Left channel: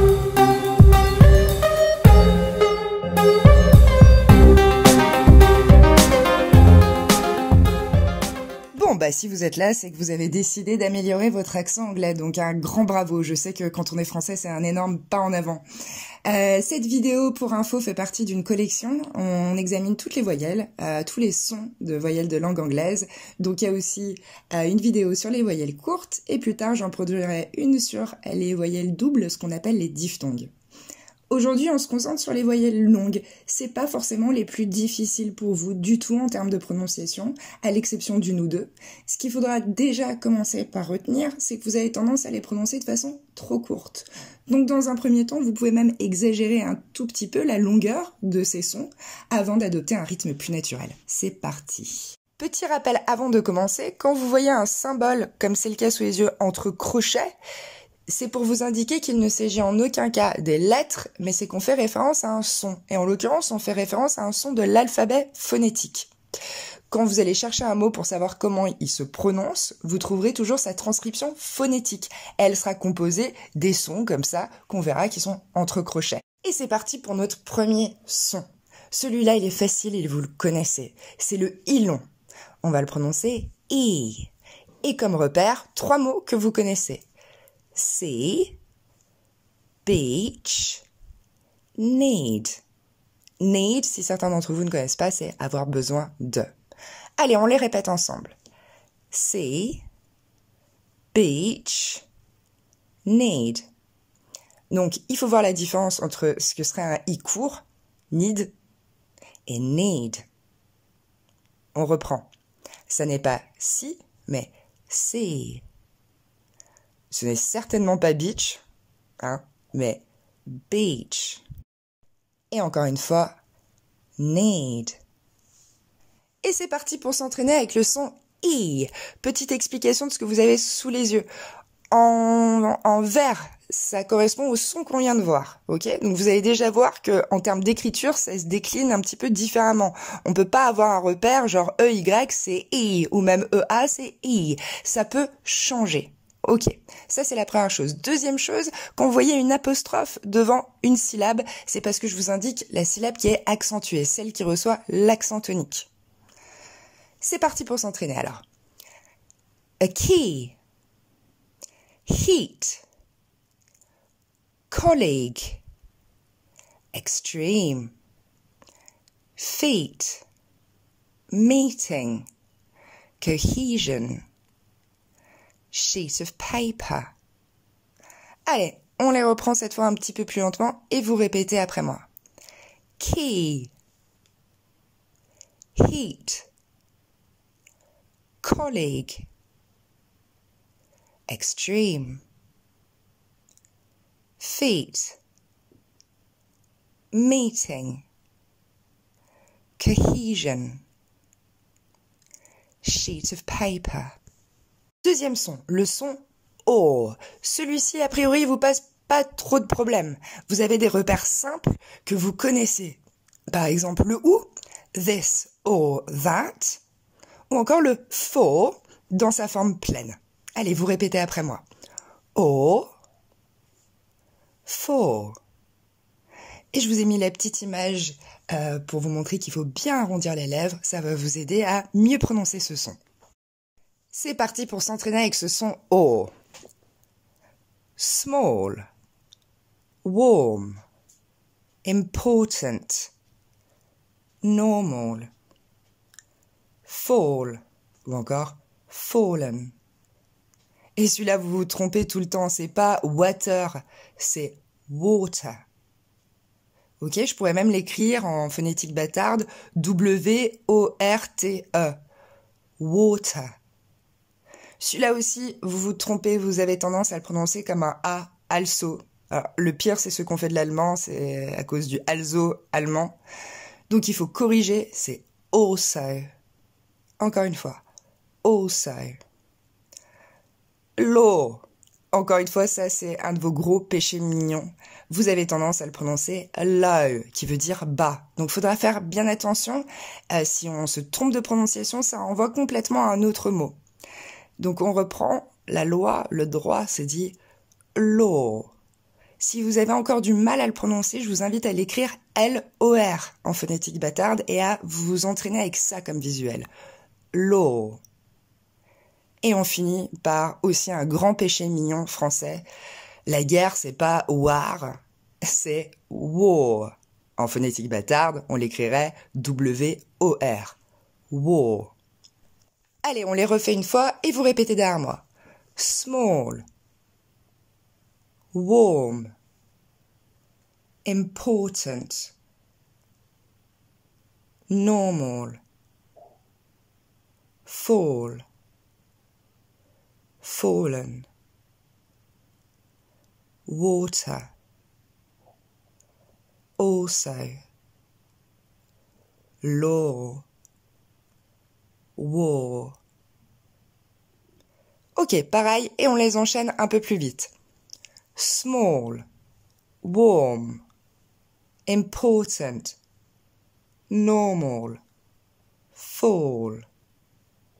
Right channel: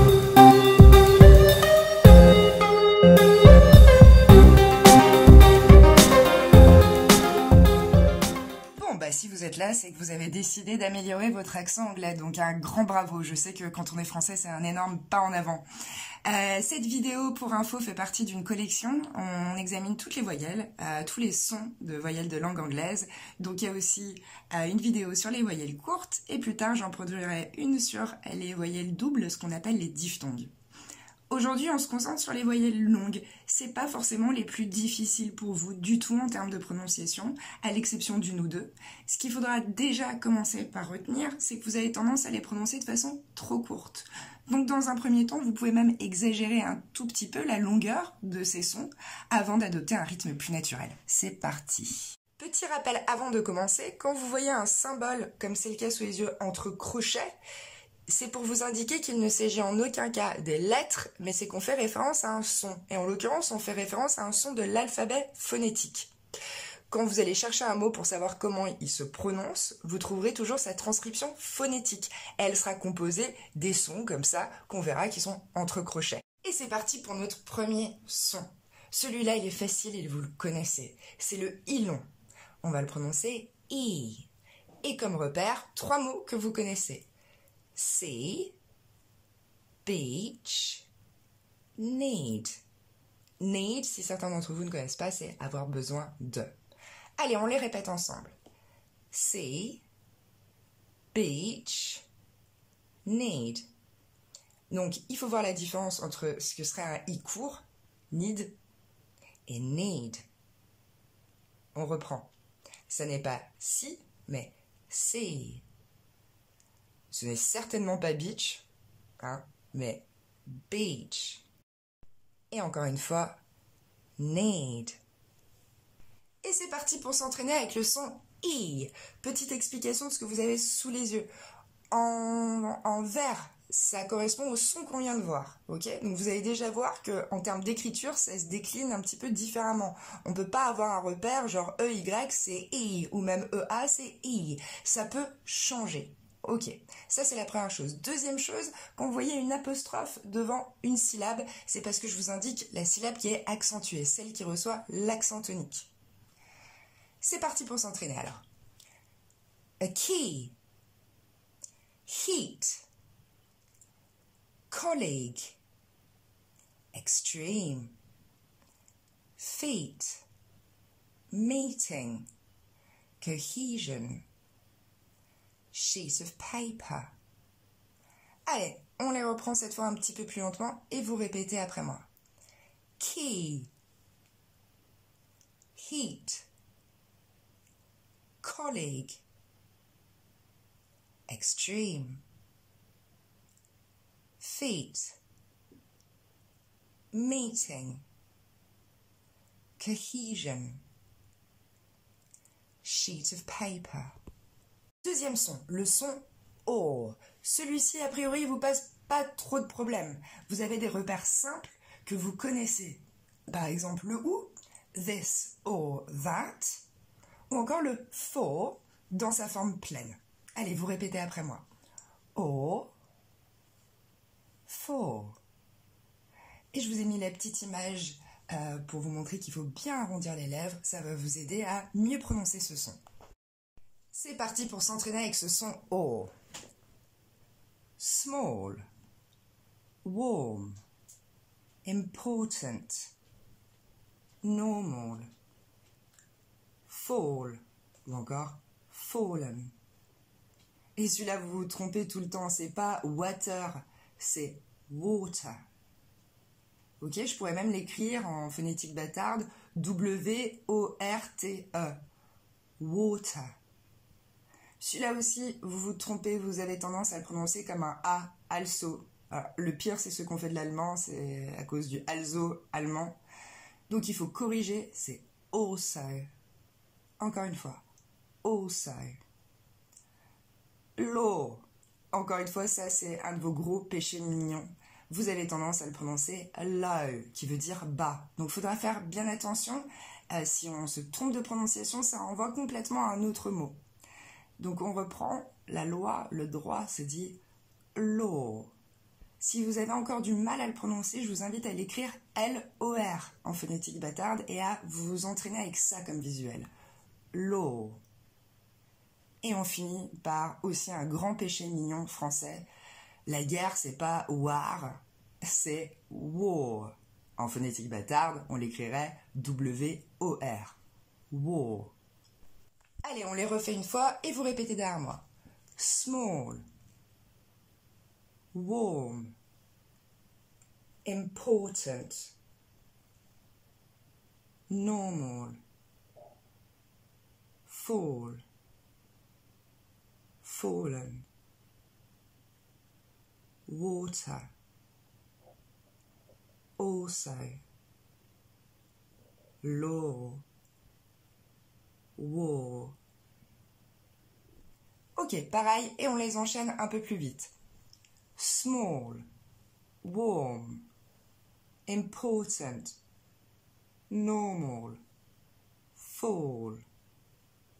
Bon, bah si vous êtes là, c'est que vous avez décidé d'améliorer votre accent anglais, donc un grand bravo. Je sais que quand on est français, c'est un énorme pas en avant. Cette vidéo, pour info, fait partie d'une collection. On examine toutes les voyelles, tous les sons de voyelles de langue anglaise. Donc il y a aussi une vidéo sur les voyelles courtes, et plus tard, j'en produirai une sur les voyelles doubles, ce qu'on appelle les diphtongues. Aujourd'hui, on se concentre sur les voyelles longues. C'est pas forcément les plus difficiles pour vous du tout en termes de prononciation, à l'exception d'une ou deux. Ce qu'il faudra déjà commencer par retenir, c'est que vous avez tendance à les prononcer de façon trop courte. Donc dans un premier temps, vous pouvez même exagérer un tout petit peu la longueur de ces sons avant d'adopter un rythme plus naturel. C'est parti! Petit rappel avant de commencer, quand vous voyez un symbole, comme c'est le cas sous les yeux, entre crochets, c'est pour vous indiquer qu'il ne s'agit en aucun cas des lettres, mais c'est qu'on fait référence à un son. Et en l'occurrence, on fait référence à un son de l'alphabet phonétique. Quand vous allez chercher un mot pour savoir comment il se prononce, vous trouverez toujours sa transcription phonétique. Elle sera composée des sons comme ça, qu'on verra qui sont entre crochets. Et c'est parti pour notre premier son. Celui-là, il est facile et vous le connaissez. C'est le I long. On va le prononcer I. Et comme repère, 3 mots que vous connaissez. See, beach, need. Need, si certains d'entre vous ne connaissent pas, c'est avoir besoin de. Allez, on les répète ensemble. See, beach, need. Donc, il faut voir la différence entre ce que serait un I court, need, et need. On reprend. Ça n'est pas si, mais see. Ce n'est certainement pas beach, hein, mais beach. Et encore une fois, need. Et c'est parti pour s'entraîner avec le son I. Petite explication de ce que vous avez sous les yeux. En vert, ça correspond au son qu'on vient de voir, ok? Donc vous allez déjà voir qu'en termes d'écriture, ça se décline un petit peu différemment. On peut pas avoir un repère genre EY, c'est I, ou même EA, c'est I. Ça peut changer. Ok, ça c'est la première chose. Deuxième chose, quand vous voyez une apostrophe devant une syllabe, c'est parce que je vous indique la syllabe qui est accentuée, celle qui reçoit l'accent tonique. C'est parti pour s'entraîner alors. A key, heat, colleague, extreme, feet, meeting, cohesion, sheet of paper. Allez, on les reprend cette fois un petit peu plus lentement et vous répétez après moi. Key, heat, colleague, extreme, feet, meeting, cohesion, sheet of paper. Deuxième son, le son O. Celui-ci, a priori, vous pose pas trop de problèmes. Vous avez des repères simples que vous connaissez. Par exemple, le OU, this or that, ou encore le for dans sa forme pleine. Allez, vous répétez après moi. O, for. Et je vous ai mis la petite image pour vous montrer qu'il faut bien arrondir les lèvres. Ça va vous aider à mieux prononcer ce son. C'est parti pour s'entraîner avec ce son O. Small, warm, important, normal, fall, ou encore fallen. Et celui-là, vous vous trompez tout le temps, c'est pas water, c'est water. Ok, je pourrais même l'écrire en phonétique bâtarde, W-O-R-T-E, water. Celui-là aussi, vous vous trompez, vous avez tendance à le prononcer comme un A, also. Alors, le pire, c'est ce qu'on fait de l'allemand, c'est à cause du also allemand. Donc il faut corriger, c'est also. Encore une fois, also. Law. Encore une fois, ça c'est un de vos gros péchés mignons. Vous avez tendance à le prononcer low, qui veut dire bas. Donc il faudra faire bien attention. Si on se trompe de prononciation, ça renvoie complètement à un autre mot. Donc on reprend la loi, le droit se dit law. Si vous avez encore du mal à le prononcer, je vous invite à l'écrire L-O-R en phonétique bâtarde et à vous entraîner avec ça comme visuel. Law. Et on finit par aussi un grand péché mignon français. La guerre, c'est pas war, c'est war. En phonétique bâtarde, on l'écrirait W-O-R. War. Allez, on les refait une fois et vous répétez derrière moi. Small. Warm. Important. Normal. Fall. Fallen. Water. Also. Law. War. Ok, pareil, et on les enchaîne un peu plus vite. Small. Warm. Important. Normal. Fall.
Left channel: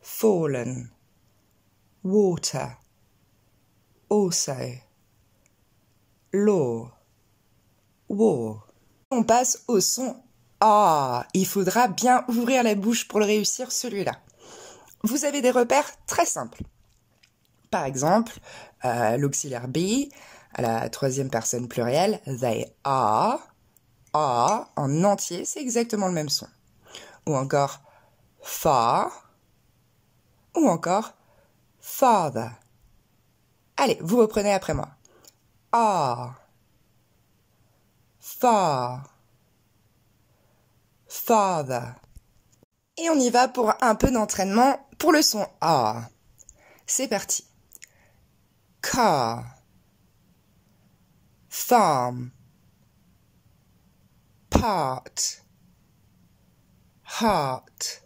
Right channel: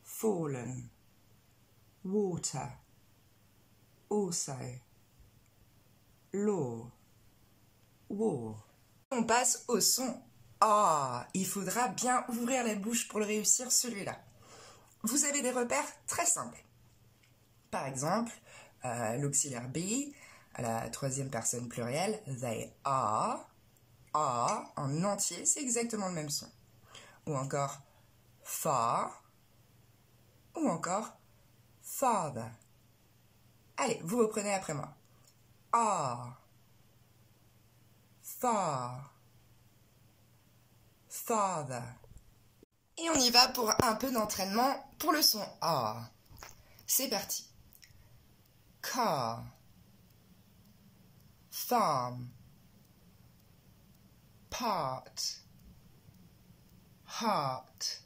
Fallen. Water. Also. Law. War. On passe au son A. Il faudra bien ouvrir la bouche pour le réussir, celui-là. Vous avez des repères très simples. Par exemple, l'auxiliaire be, à la troisième personne plurielle, they are. A en entier, c'est exactement le même son. Ou encore far. Ou encore father. Allez, vous reprenez après moi. A. Far. Father. Et on y va pour un peu d'entraînement pour le son A. C'est parti. Car. Farm. Part. Heart.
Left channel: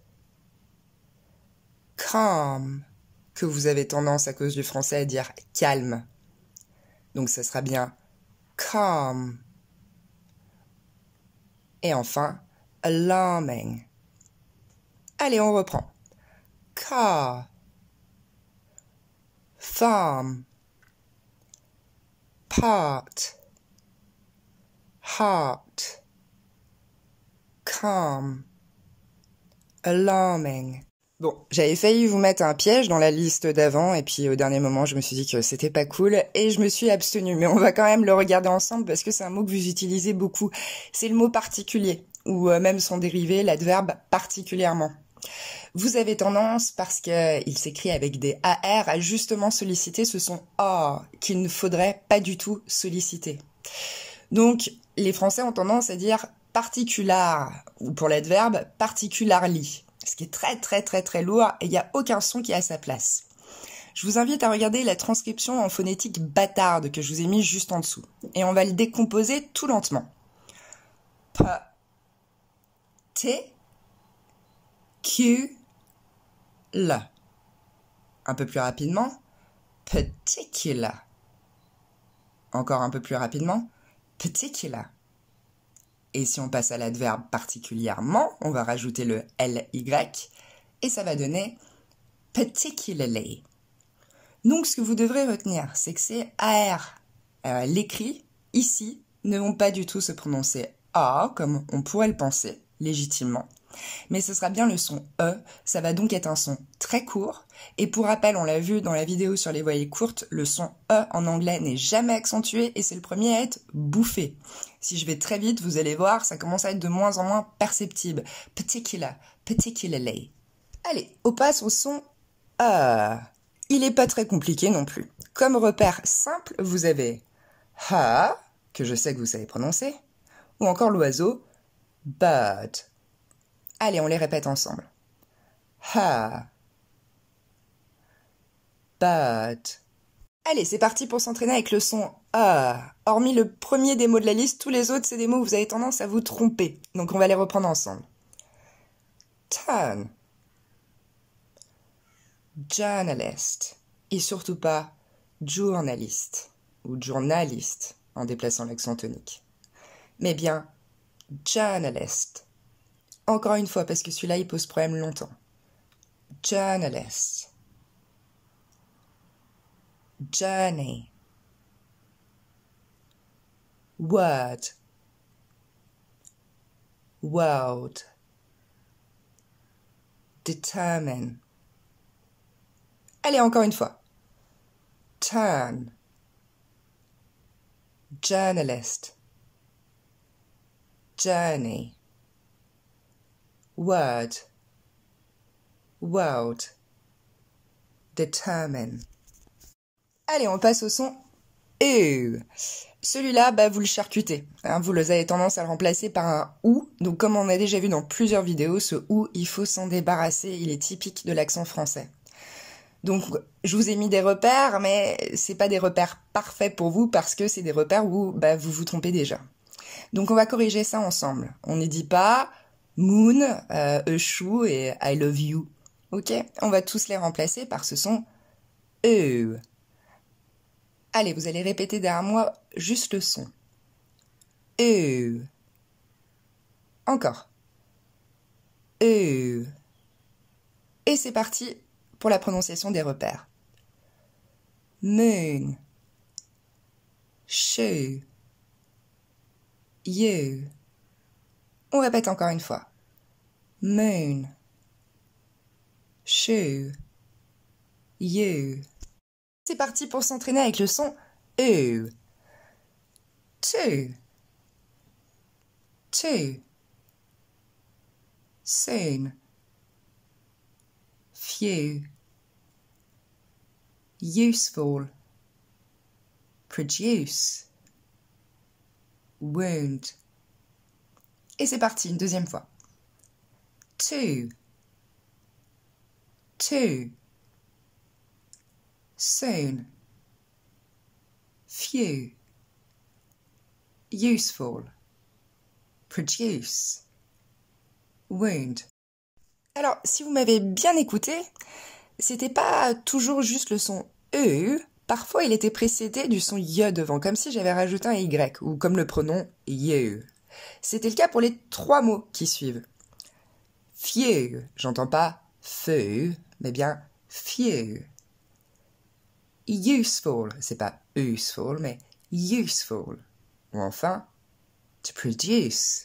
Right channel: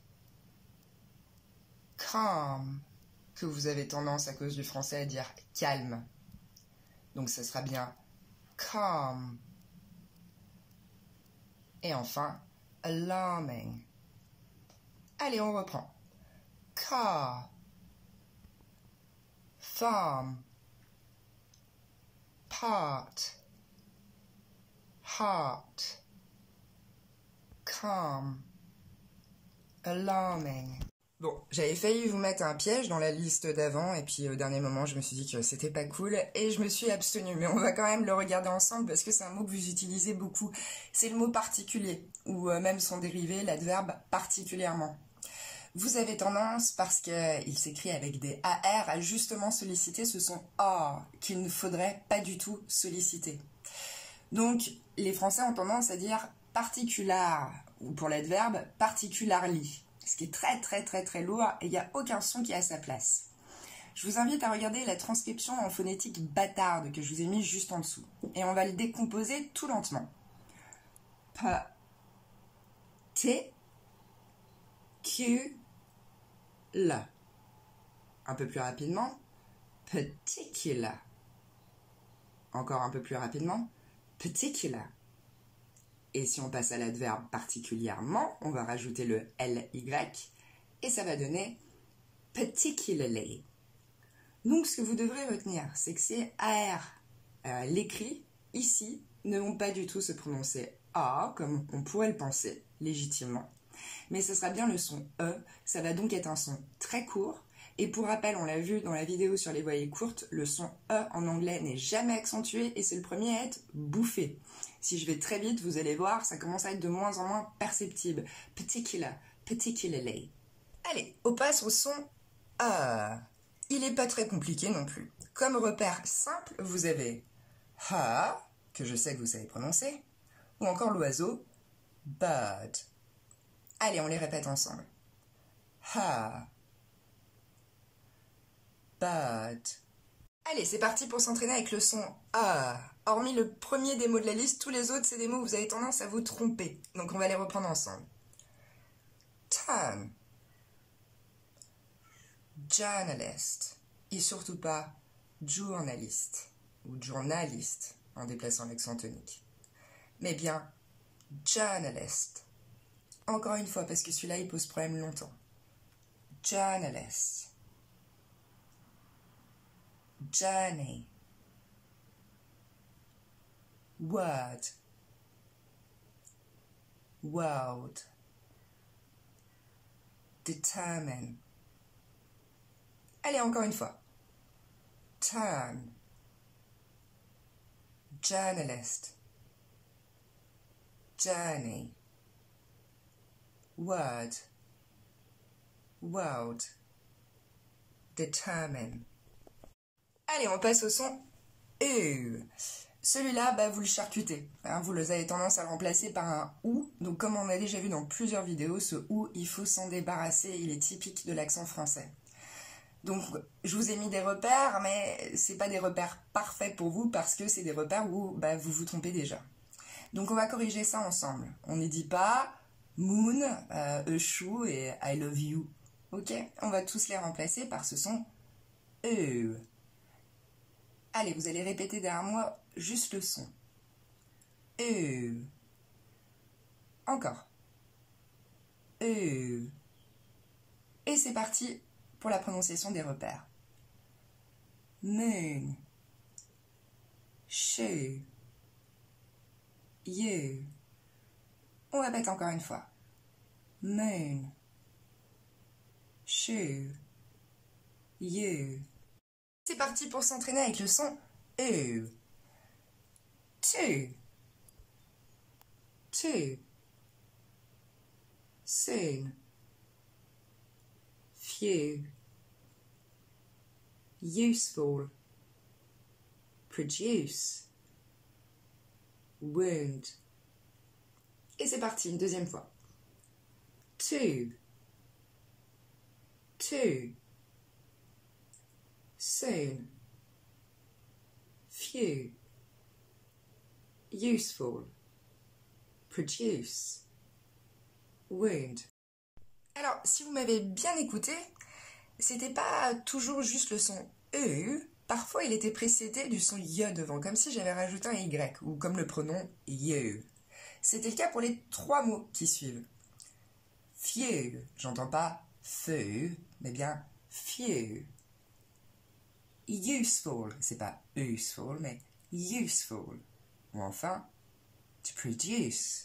Calm. Que vous avez tendance à cause du français à dire calme. Donc ça sera bien calm. Et enfin, alarming. Allez, on reprend. Car. Farm. Part. Heart. Calm. Alarming. Bon, j'avais failli vous mettre un piège dans la liste d'avant, et puis au dernier moment, je me suis dit que c'était pas cool, et je me suis abstenue. Mais on va quand même le regarder ensemble, parce que c'est un mot que vous utilisez beaucoup. C'est le mot particulier, ou même son dérivé, l'adverbe particulièrement. Vous avez tendance, parce qu'il s'écrit avec des AR, à justement solliciter ce son A, qu'il ne faudrait pas du tout solliciter. Donc, les Français ont tendance à dire particular, ou pour l'adverbe, particularly. Ce qui est très très très très lourd et il n'y a aucun son qui est à sa place. Je vous invite à regarder la transcription en phonétique bâtarde que je vous ai mis juste en dessous. Et on va le décomposer tout lentement. P, T, Q, L. Un peu plus rapidement. Particular. Encore un peu plus rapidement. Particular. Et si on passe à l'adverbe particulièrement, on va rajouter le ly et ça va donner particularly. Donc ce que vous devrez retenir, c'est que ces AR, l'écrit ici, ne vont pas du tout se prononcer A comme on pourrait le penser légitimement. Mais ce sera bien le son E, ça va donc être un son très court. Et pour rappel, on l'a vu dans la vidéo sur les voyelles courtes, le son E en anglais n'est jamais accentué et c'est le premier à être bouffé. Si je vais très vite, vous allez voir, ça commence à être de moins en moins perceptible. Particular, particularly. Allez, on passe au son E. Il n'est pas très compliqué non plus. Comme repère simple, vous avez ha, que je sais que vous savez prononcer, ou encore l'oiseau bird. Allez, on les répète ensemble. Ha. Bird. Allez, c'est parti pour s'entraîner avec le son A. Hormis le premier des mots de la liste, tous les autres, c'est des mots où vous avez tendance à vous tromper. Donc on va les reprendre ensemble. Turn. Journalist. Et surtout pas journaliste ou journaliste en déplaçant l'accent tonique. Mais bien journalist. Encore une fois, parce que celui-là, il pose problème longtemps. Journalist. Journey. word, world, determine. Allez, encore une fois. Turn, journalist, journey, word, world, determine. Allez, on passe au son E. Celui-là, vous le charcutez. Hein, vous avez tendance à le remplacer par un OU. Donc, comme on a déjà vu dans plusieurs vidéos, ce OU, il faut s'en débarrasser. Il est typique de l'accent français. Donc, je vous ai mis des repères, mais c'est pas des repères parfaits pour vous parce que c'est des repères où vous vous trompez déjà. Donc, on va corriger ça ensemble. On ne dit pas moon, a shoe et I love you. Ok? On va tous les remplacer par ce son E. Allez, vous allez répéter derrière moi juste le son. E. Encore. E. Et c'est parti pour la prononciation des repères. Moon, shoe, you. On répète encore une fois. Moon, shoe, you. C'est parti pour s'entraîner avec le son E. Two, two, soon, few, useful, produce, wound. Et c'est parti, une deuxième fois. Two, two, soon, few, useful, produce, wound. Alors, si vous m'avez bien écouté, c'était pas toujours juste le son E, parfois il était précédé du son Y devant, comme si j'avais rajouté un Y, ou comme le pronom you. C'était le cas pour les trois mots qui suivent. Few, j'entends pas feu, mais bien few. Useful, c'est pas useful, mais useful. Ou enfin, to produce.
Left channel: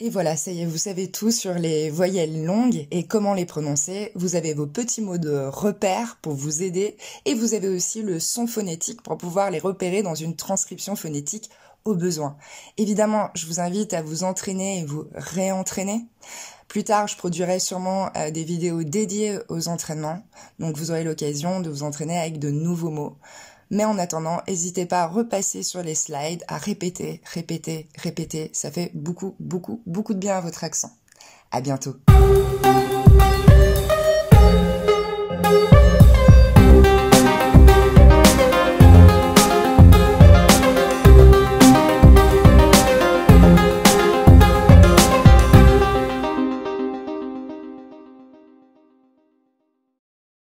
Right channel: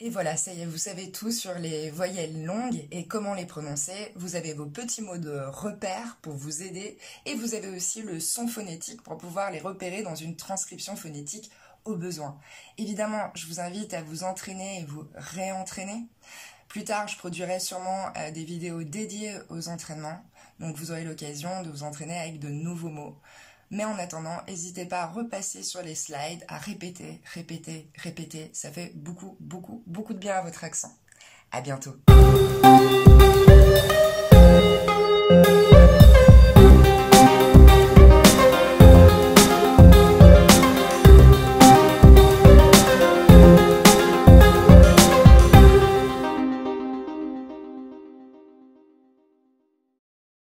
Et voilà, ça y est, vous savez tout sur les voyelles longues et comment les prononcer. Vous avez vos petits mots de repère pour vous aider et vous avez aussi le son phonétique pour pouvoir les repérer dans une transcription phonétique au besoin. Évidemment, je vous invite à vous entraîner et vous réentraîner. Plus tard, je produirai sûrement des vidéos dédiées aux entraînements, donc vous aurez l'occasion de vous entraîner avec de nouveaux mots. Mais en attendant, n'hésitez pas à repasser sur les slides, à répéter, répéter, répéter. Ça fait beaucoup, beaucoup, beaucoup de bien à votre accent. À bientôt.